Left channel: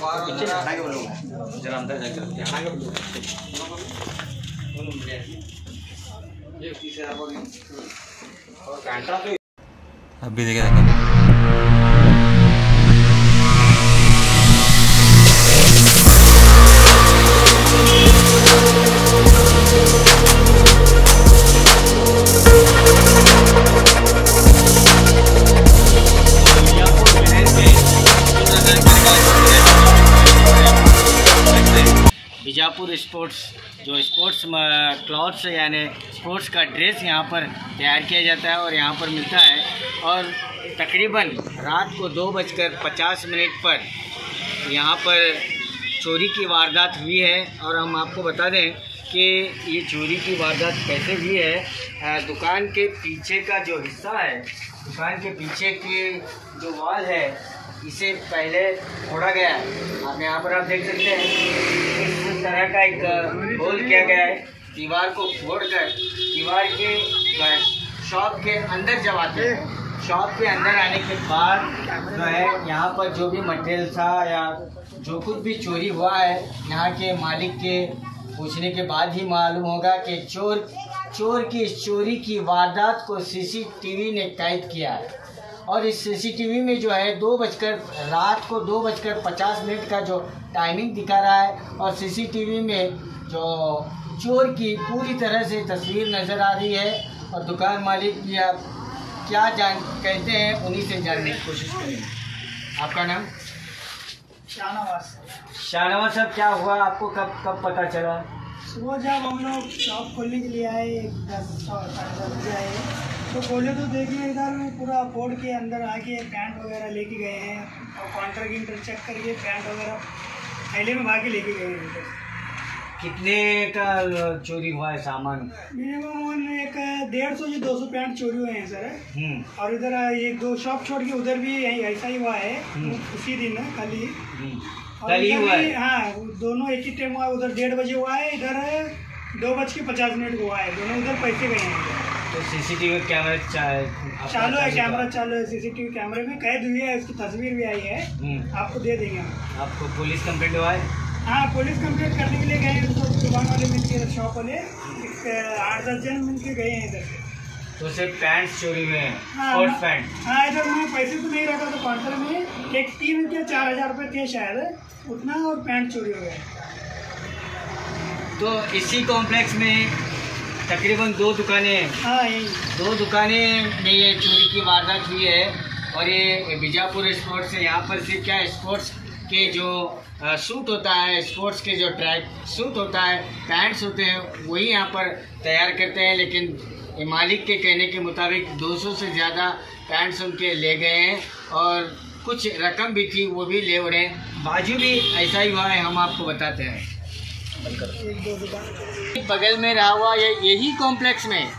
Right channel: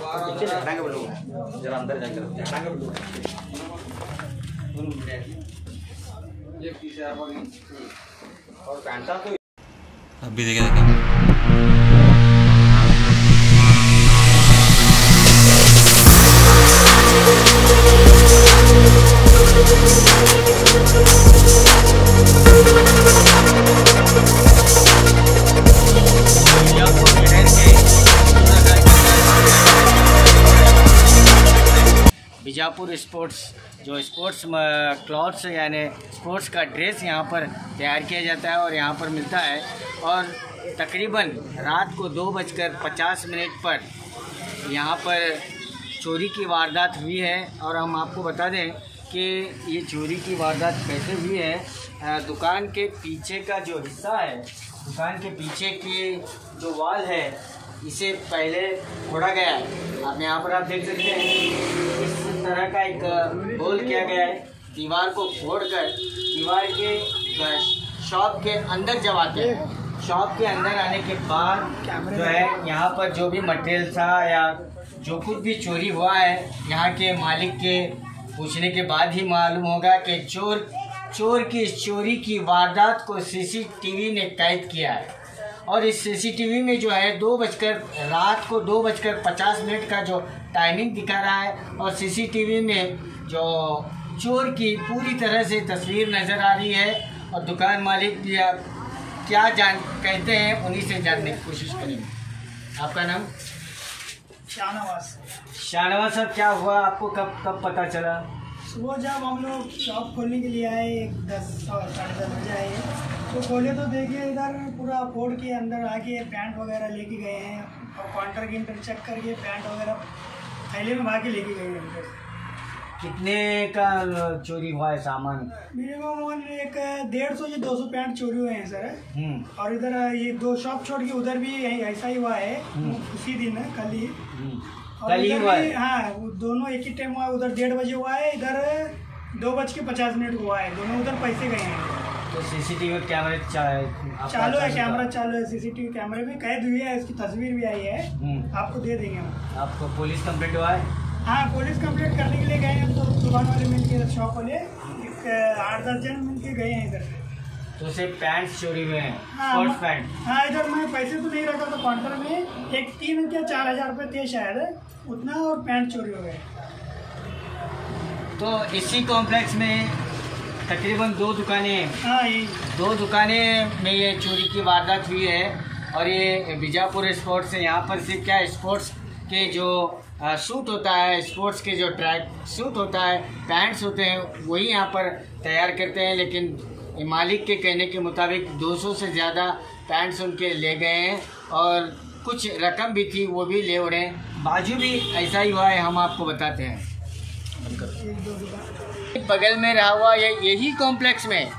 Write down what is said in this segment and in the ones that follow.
पीछे हटाएंगे बोलो, जरा अंदर जाकर हटाएंगे बोलो। और घंटा तो अभी देखेगा बीजापुर स्पोर्ट्स जो स्पोर्ट्स क्लॉथ्स यानी स्पोर्ट्स का ड्रेस यहाँ पर तैयार किया जाता है और यहाँ पर मिलता है। और तकरीबन रात को 2:50 पर यहाँ पर चोरी की वारदात हुई है। और हम आपको बता दें कि ये चोरी की वारदात कैसे हुई है। दुकान के पीछे का जो हिस्सा है, दुकान के पीछे की जो वॉल है, इसे पहले फोड़ा गया है। आप यहाँ पर आप देख सकते हैं इस तरह का एक होल किया गया है। दीवार को फोड़कर दीवार के शॉप के अंदर जब आते हैं, शॉप के अंदर आने के बाद जो है यहाँ पर जो भी मटेरियल था या जो कुछ भी चोरी हुआ है, यहाँ के मालिक के पूछने के बाद ही मालूम होगा कि चोर की इस चोरी की वारदात को सीसीटीवी ने कैद किया है। और इस सीसीटीवी में जो है रात को 2:50 का जो टाइमिंग दिखा रहा है और सीसीटीवी में जो चोर की पूरी तरह से तस्वीर नज़र आ रही है। और दुकान मालिक भी आप क्या कहते हैं उन्हीं से जानने की कोशिश करेंगे। आपका नाम? शाहनवाज साहब, क्या हुआ आपको? कब पता चला? सुबह जब हम लोग शॉप खोलने के लिए आए 10-10:30 बजे आए तो खोले तो देखिए इधर पूरा फोड़ के अंदर आके पैंट वगैरह लेके गए हैं और काउंटर के इंटर चेक करके पैंट वगैरह थैले में भाग के लेके गए हैं। कितने का चोरी हुआ है सामान? मिनिमम एक 150 से 200 पैंट चोरी हुए हैं सर। और इधर ये 2 शॉप छोड़ के उधर भी ऐसा ही हुआ है उसी दिन कल ही। कल ही हुआ है? हाँ, दोनों एक ही टाइम हुआ है। उधर 1:30 बजे हुआ है, इधर 2:50 को हुआ है। दोनों उधर पैसे गए हैं। तो सीसीटीवी कैमरा चालू है, कैमरा चालू है। सीसीटीवी कैमरे में कैद हुई है, उसकी तस्वीर भी आई है, आपको दे देंगे हम। आपको पुलिस कंप्लेंट हुआ है? हाँ, पुलिस कंप्लेंट करने के लिए गए हैं। तो दुकान वाले मिलकर शॉप वाले 8-10 जन मिलकर गए हैं इधर। तो सिर्फ पैंट चोरी हुए हैं? हाँ, स्पोर्ट्स पैंट? हाँ, इधर मैं पैसे तो नहीं रखा था काउंटर में। एक 3 या 4 हज़ार रुपये थे शायद उतना, और पैंट चोरी हो गए। तो इसी कॉम्प्लेक्स में तकरीबन 2 दुकानें हैं। हाँ, यही 2 दुकानें में ये चोरी की वारदात हुई है। और ये बीजापुर स्पोर्ट्स है। यहाँ पर सिर्फ क्या स्पोर्ट्स के जो सूट होता है, स्पोर्ट्स के जो ट्रैक सूट होता है, पैंट्स होते हैं, वही यहाँ पर तैयार करते हैं। लेकिन मालिक के कहने के मुताबिक 200 से ज़्यादा पैंट्स उनके ले गए हैं और कुछ रकम भी थी वो भी ले उड़े। बाजू भी ऐसा ही हुआ है, हम आपको बताते हैं। बगल में रहा हुआ यही कॉम्प्लेक्स में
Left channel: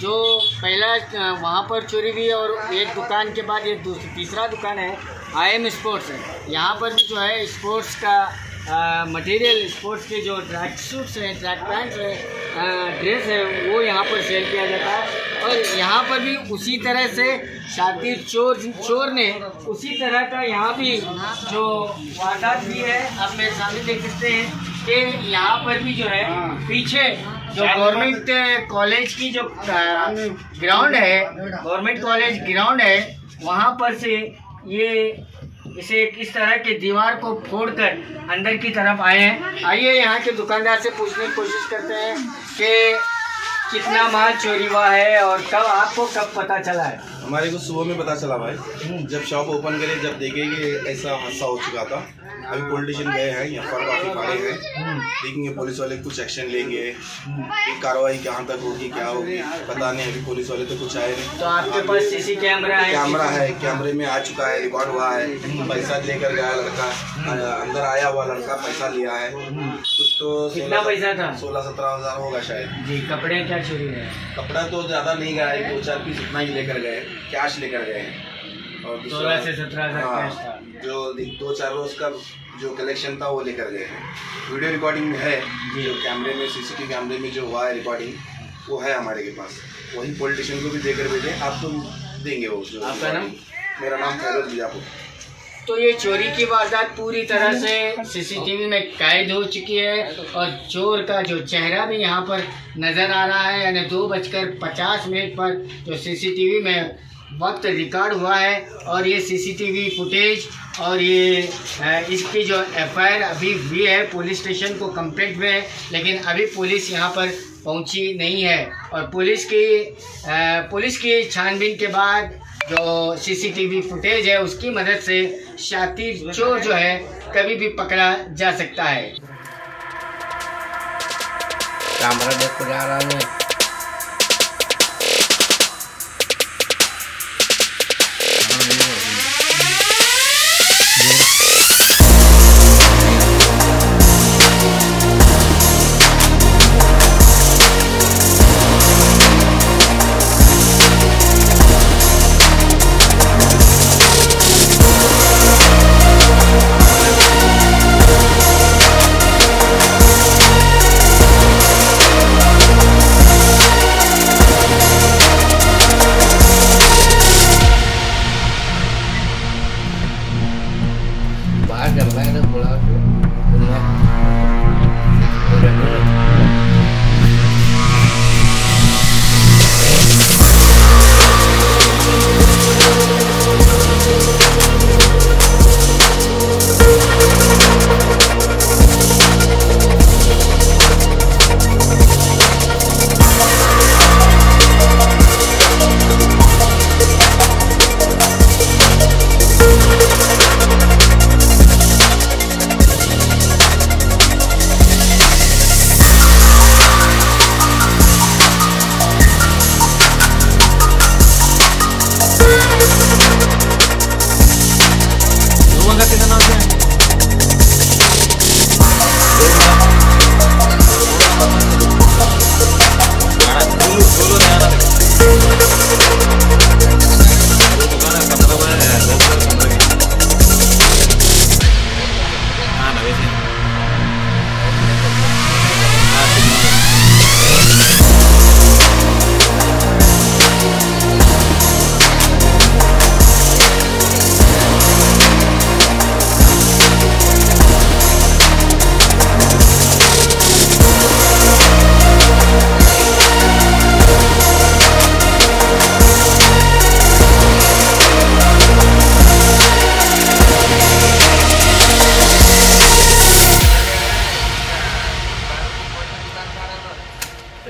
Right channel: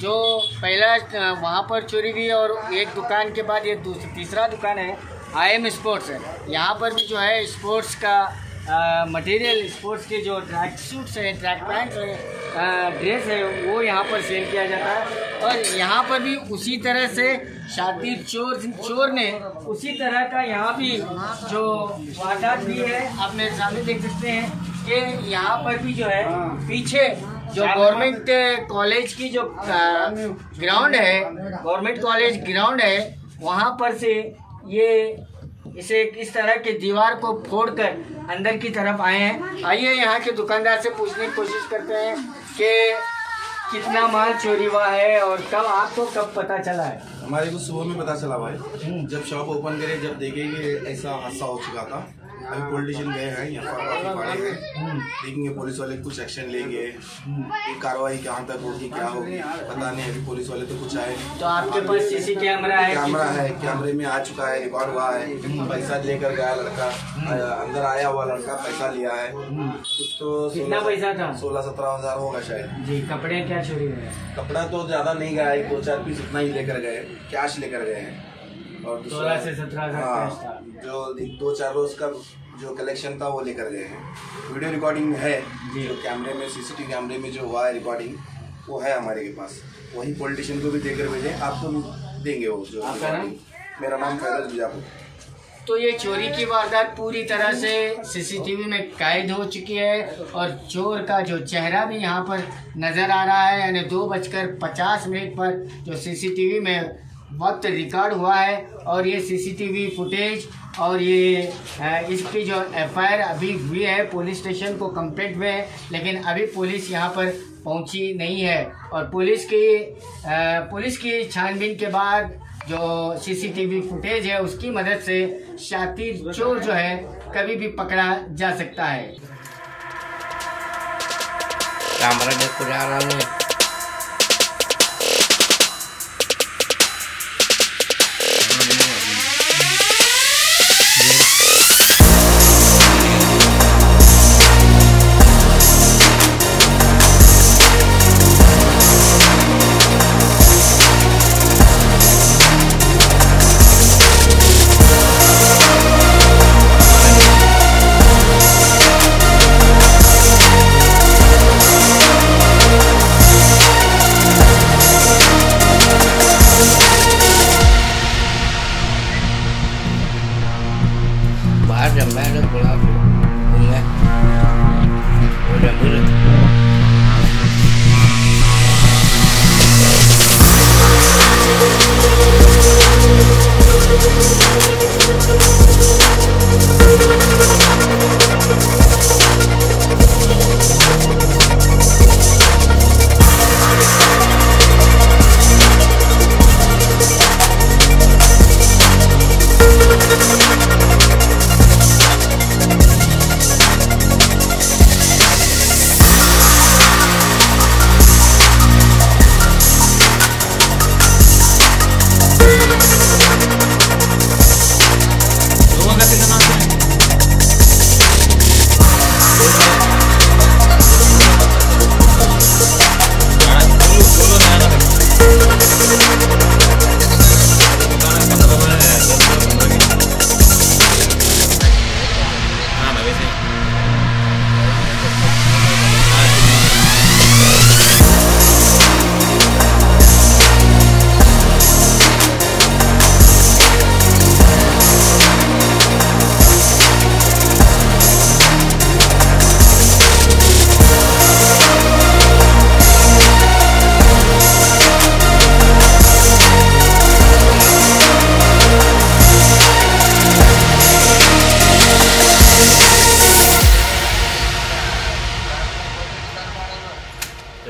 जो पहला वहाँ पर चोरी हुई और एक दुकान के बाद ये तीसरा दुकान है IM स्पोर्ट्स है। यहाँ पर भी जो है स्पोर्ट्स का मटेरियल, स्पोर्ट्स के जो ट्रैक सूट्स हैं, ट्रैक पैंट्स हैं, ड्रेस है, वो यहाँ पर सेल किया जाता है। और यहाँ पर भी उसी तरह से शातिर चोर ने उसी तरह का यहाँ भी जो वारदात हुई है, आप मेरे सामने देख सकते हैं कि यहाँ पर भी जो है पीछे जो गवर्नमेंट कॉलेज की जो ग्राउंड है, गवर्नमेंट कॉलेज ग्राउंड है, वहाँ पर से ये इसे इस तरह के दीवार को फोड़कर अंदर की तरफ आए हैं। आइए यहाँ के दुकानदार से पूछने की कोशिश करते हैं कि कितना माल चोरी हुआ है और आपको कब पता चला है? हमारे को सुबह में पता चला भाई, जब शॉप ओपन करे, जब देखे कि ऐसा हादसा हो चुका था। अभी पुलिस स्टेशन गए हैं, यहाँ पर काफी खड़े हैं, देखेंगे पुलिस वाले कुछ एक्शन लेंगे कि कार्रवाई कहाँ तक होगी, क्या होगी पता नहीं। अभी पुलिस वाले तो कुछ आए नहीं। तो आपके पास सीसी कैमरा है? कैमरा है, कैमरे में आ चुका है, रिकॉर्ड हुआ है। पैसा लेकर गया लड़का, अंदर आया हुआ लड़का पैसा लिया है। तो कितना पैसा था? 16-17 हज़ार होगा शायद जी। कपड़े क्या चोरी हुए? कपड़ा तो ज्यादा नहीं गया है, 2-4 पीस इतना ही लेकर गए, कैश लेकर गए हैं। और 16 से 17 हज़ार कैश था। जो 2-4 रोज का जो कलेक्शन था वो लेकर गए हैं। वीडियो रिकॉर्डिंग में है, जो कैमरे में सीसीटीवी कैमरे में जो हुआ है रिकॉर्डिंग, वो है हमारे के पास। वही पॉलिटिशियन को भी देकर भेजें, आपको देंगे वो जो। आपका नाम? मेरा नाम फैरोज बीजापुर। तो ये चोरी की वारदात पूरी तरह से सीसीटीवी में कैद हो चुकी है और चोर का जो चेहरा भी यहाँ पर नज़र आ रहा है, यानी 2:50 पर जो सीसीटीवी में वक्त रिकॉर्ड हुआ है। और ये सीसीटीवी फुटेज और ये इसकी जो एफआईआर अभी हुई है पुलिस स्टेशन को कंप्लेंट में है, लेकिन अभी पुलिस यहाँ पर पहुँची नहीं है। और पुलिस की छानबीन के बाद जो सीसीटीवी फुटेज है उसकी मदद से शातिर चोर जो है कभी भी पकड़ा जा सकता है। कैमरा देखो जा रहा है। Jam merah pulau tu, bunga, udah merah.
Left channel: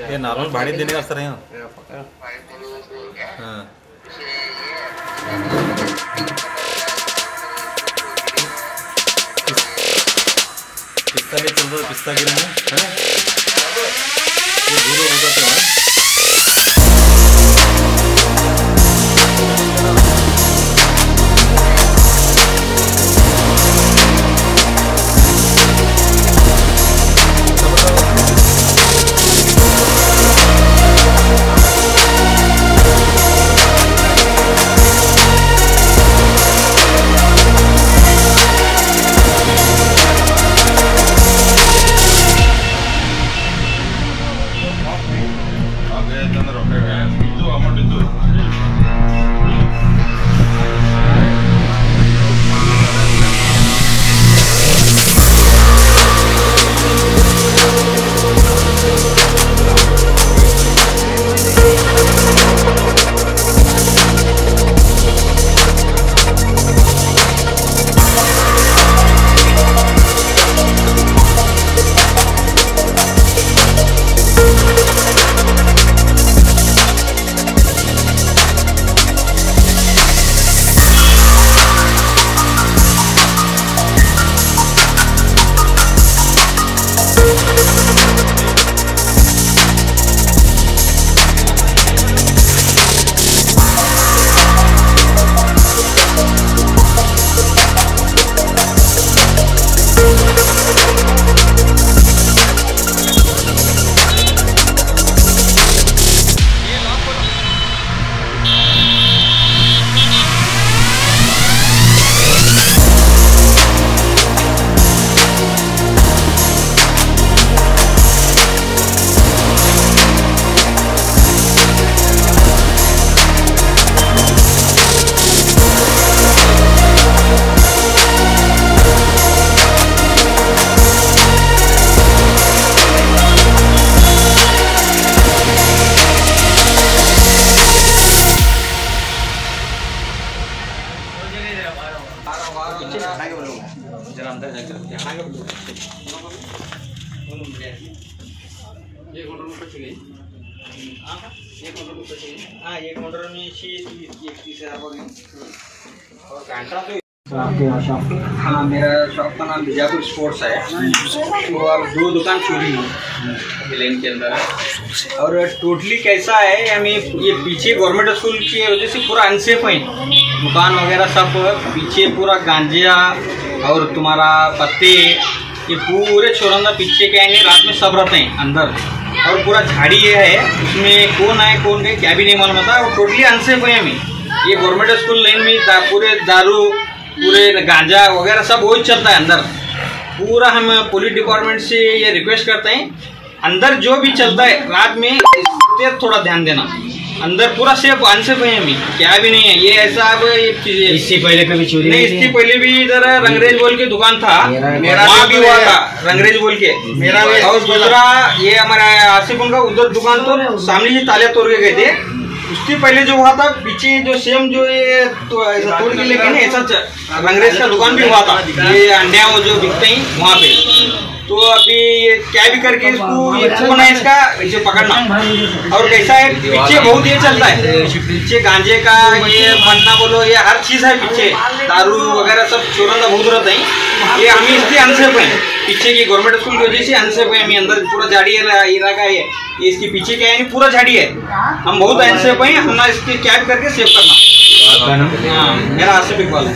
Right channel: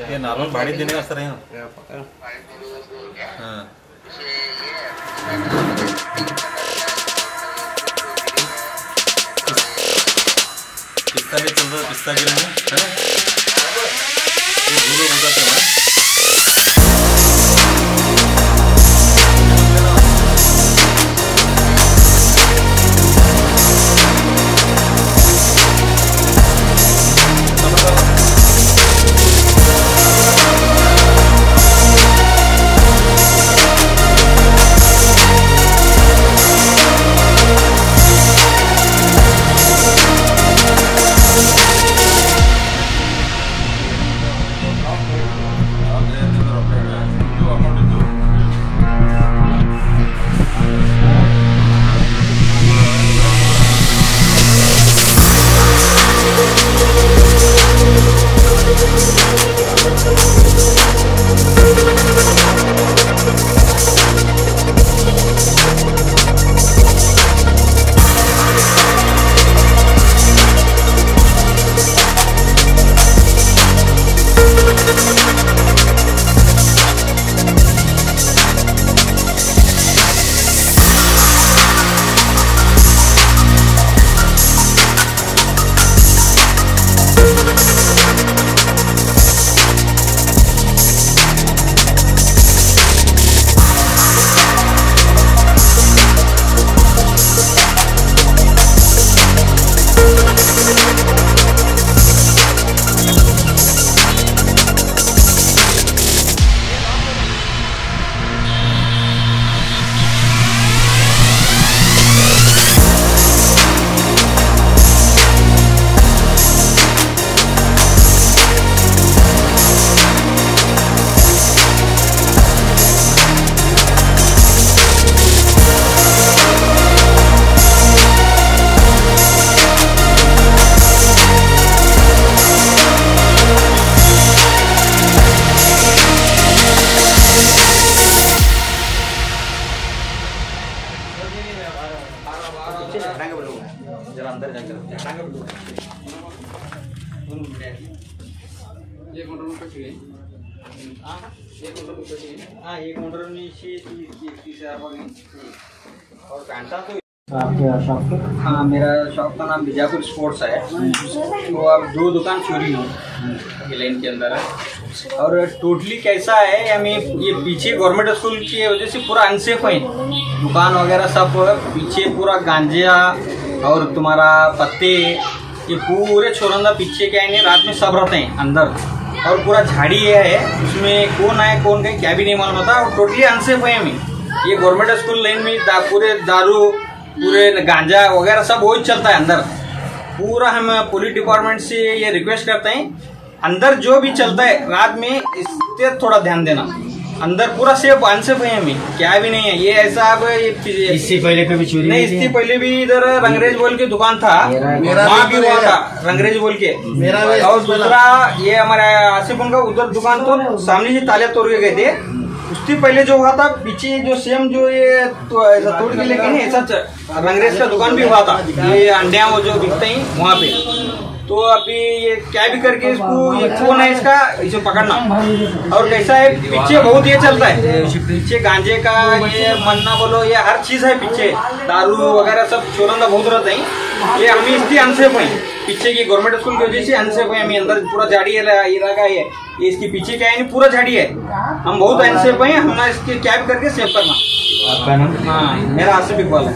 ये नॉर्मल भाड़ी देने वास्ते नहीं हो। किसका ले चल रहा है, किसका गिरा है? ये भूलो भूलो तो है। जरा अंदर जाकर हाँ, मेरा शॉप का नाम बीजापुर स्पोर्ट्स है। तो अब 2 दुकान चोरी हुई लेन के अंदर है। और टोटली कैसा है, हमें ये पीछे गवर्नमेंट स्कूल की वजह से पूरा अनसेफ है, दुकान वगैरह सब पीछे पूरा गांजा और तुम्हारा पत्ते, ये पूरे छोरंदा पीछे क्या है, रात में सब रहते हैं अंदर। और पूरा झाड़ी है, उसमें कौन आए कौन गए क्या भी नहीं मालूम होता। और टोटली अनसेफ है हमें। ये गवर्नमेंट स्कूल लाइन में पूरे दारू, पूरे गांजा वगैरह सब वही चलता है अंदर। पूरा हम पुलिस डिपार्टमेंट से ये रिक्वेस्ट करते हैं, अंदर जो भी चलता है रात में इससे थोड़ा ध्यान देना। अंदर पूरा सेफ अनसेफ है हमें, क्या भी नहीं है। ये ऐसा अब इससे पहले कभी चोरी नहीं, इससे पहले भी इधर रंगरेज बोल के दुकान था, वहाँ भी हुआ था रंगरेज बोल के। और दूसरा ये हमारा आसिफ उनका उधर दुकान तो सामने ही ताले तोड़ के गए थे। उसके पहले जो हुआ था पीछे जो सेम जो ये तो ऐसा तोड़ के लेके ना ऐसा रंगरेज का दुकान भी हुआ था, ये अंडे वो जो बिकते हैं वहाँ पे। तो अभी ये क्या भी करके इसको ये कौन है इसका इसे पकड़ना। और कैसा है पीछे बहुत ये चलता है, पीछे गांजे का ये बनना बोलो, ये हर चीज है पीछे, दारू वगैरह सब चोरंदा बहुत रहते हैं। ये हम इसलिए अनसेफ है, पीछे की गवर्नमेंट स्कूल की वजह से अनसेफ है हमें। अंदर पूरा झाड़ी इलाका है, ये इसके पीछे क्या है पूरा झाड़ी है, हम बहुत अनसेफ है। हम ना इसके क्या भी करके सेव करना। हाँ, मेरा आसिफ इकबाल है।